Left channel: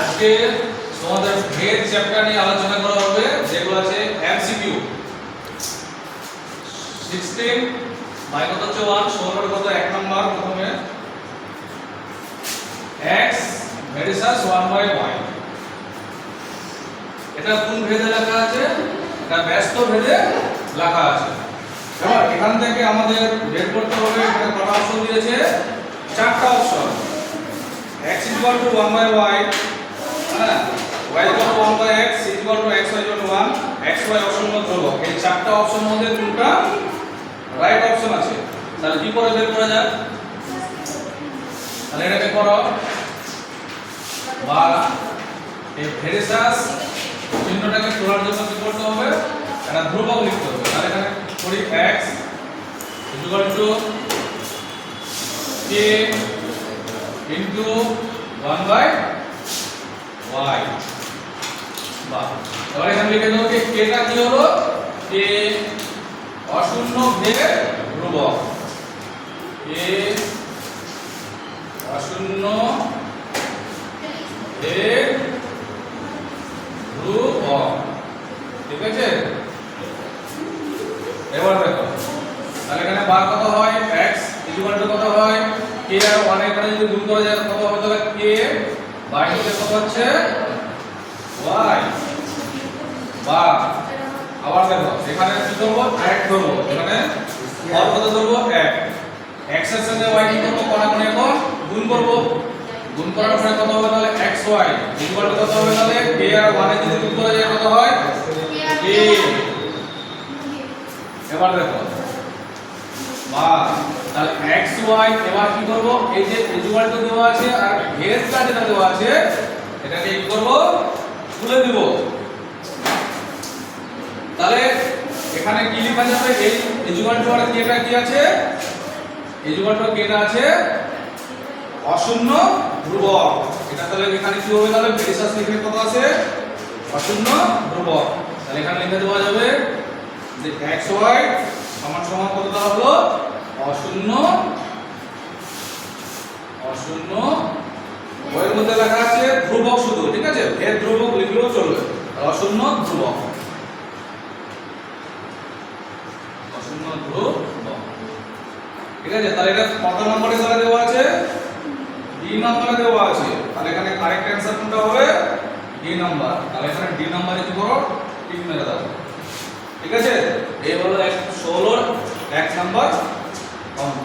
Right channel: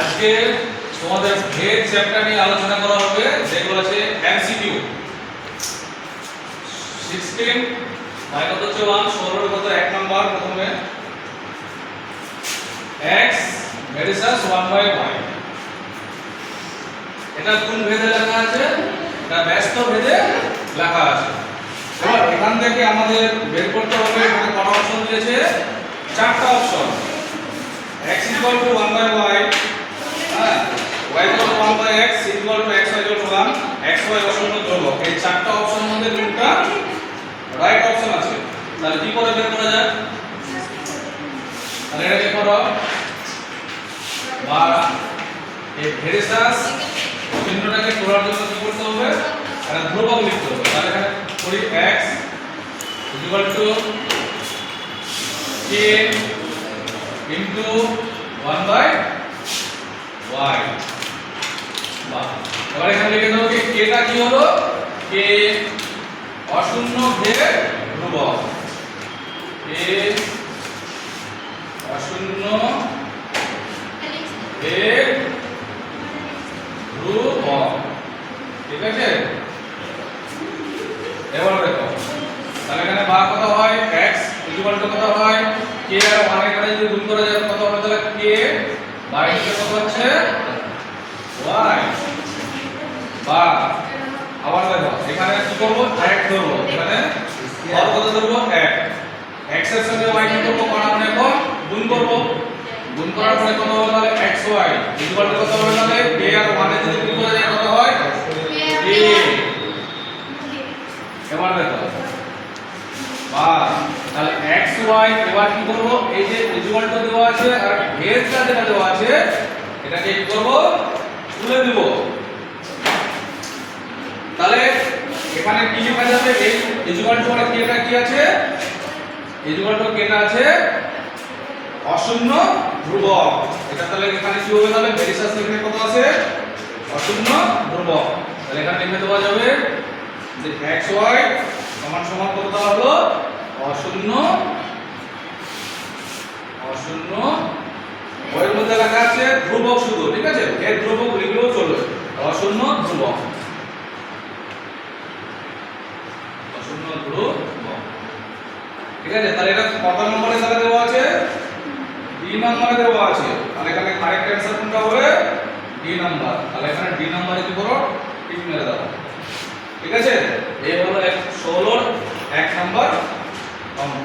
আজকে তোমাদের ভেদ চ্যাপ্টার নিয়ে আলোচনা করা হবে, যেগুলো আছে এমসিকিউ 16 বাই কত হচ্ছে 1 16 কত 1 নাম্বার প্রথমে x ভার্সাস 1 বাই y। এটা কোন ভেদে লেখা আছে? এটা ব্যস্ত ভেদে লেখা আছে। এবার এখান থেকে আমাদের বের করতে হবে এখানে কত অপশন দিয়েছে? চারটা অপশন। x 1 বাই y, হ্যাঁ, y 1 by x, x y 1, x y অশূন্য ধ্রুবক। এই চারটা অপশন মধ্যে কোনটা রাইট অপশন আছে? তাহলে কি করে বের করা যায়? তাহলে এটাকে করো বা এই ভেরিসাস চিহ্নটাকে তোলার জন্য কি করতে হবে? এটা ধ্রুবক লিখতে হবে। তাহলে এখানে করি x k into 1 by y। বাহ, এবার এখানে লিখে দেবো কি k টা কি হলো? k অশূন্য ভেদ ধ্রুবক, k অশূন্য ভেদ ধ্রুবক, ঠিক আছে? এবার দেখো তাহলে এখানে বা কত হয়? x কত হয়? k আর 1 এখানে যদি গুণ করা যায় কত হবে? তাহলে k বাই নিচে কত হচ্ছে? y। বা আবার দেখো এখানে কি করব? 1 ধরব, এখানে হর কত ধরব? 1। x এর সঙ্গে y কি করব? কোণা কোণে গুণ করব। গুণ করার পরে কত হবে? তাহলে xy কত হবে? তাহলে k আর 1 এ যদি গুণ করা যায় কত হয়? k। এবার দেখো বা তাহলে xy এবার কি করব? এই যে ইকুয়াল টু দেওয়া আছে আর ভেদটা যেটা দেওয়া আছে এটাকে কি করব? তুলে দিব। তাহলে এখানে কি লেখা যাবে? এই ইকুয়াল টু মানে কেটা কি আছে? ইকুয়াল টু কেটা আছে অশূন্য ধ্রুবক। এটা তাহলে এখানে কি হবে? তাহলে ভেরিসাস এখানে কত আছে? অশূন্য ধ্রুবক। তাহলে এখানে লিখে দেওয়া যাবে যে xy সমান সমান কত দেওয়া হলো? অশূন্য ওই মধ্যে লেখা আছে ধ্রুবক শুধু, ঠিক আছে? ভেদ ধ্রুবক লিখলেও চলবে। অশূন্য ধ্রুবক, অশূন্য ধ্রুবক, ঠিক আছে? তাহলে এটা কত নম্বরে তাহলে দেওয়া আছে? d নম্বরে দেওয়া আছে। তাহলে এখানে কারেক্ট অ্যানসার কোনটা হবে? d number. তাহলে এখানে d নম্বরে কি করো? টিক মেরে দাও, ঠিক আছে? এই হলো 16 1 নাম্বার অঙ্ক।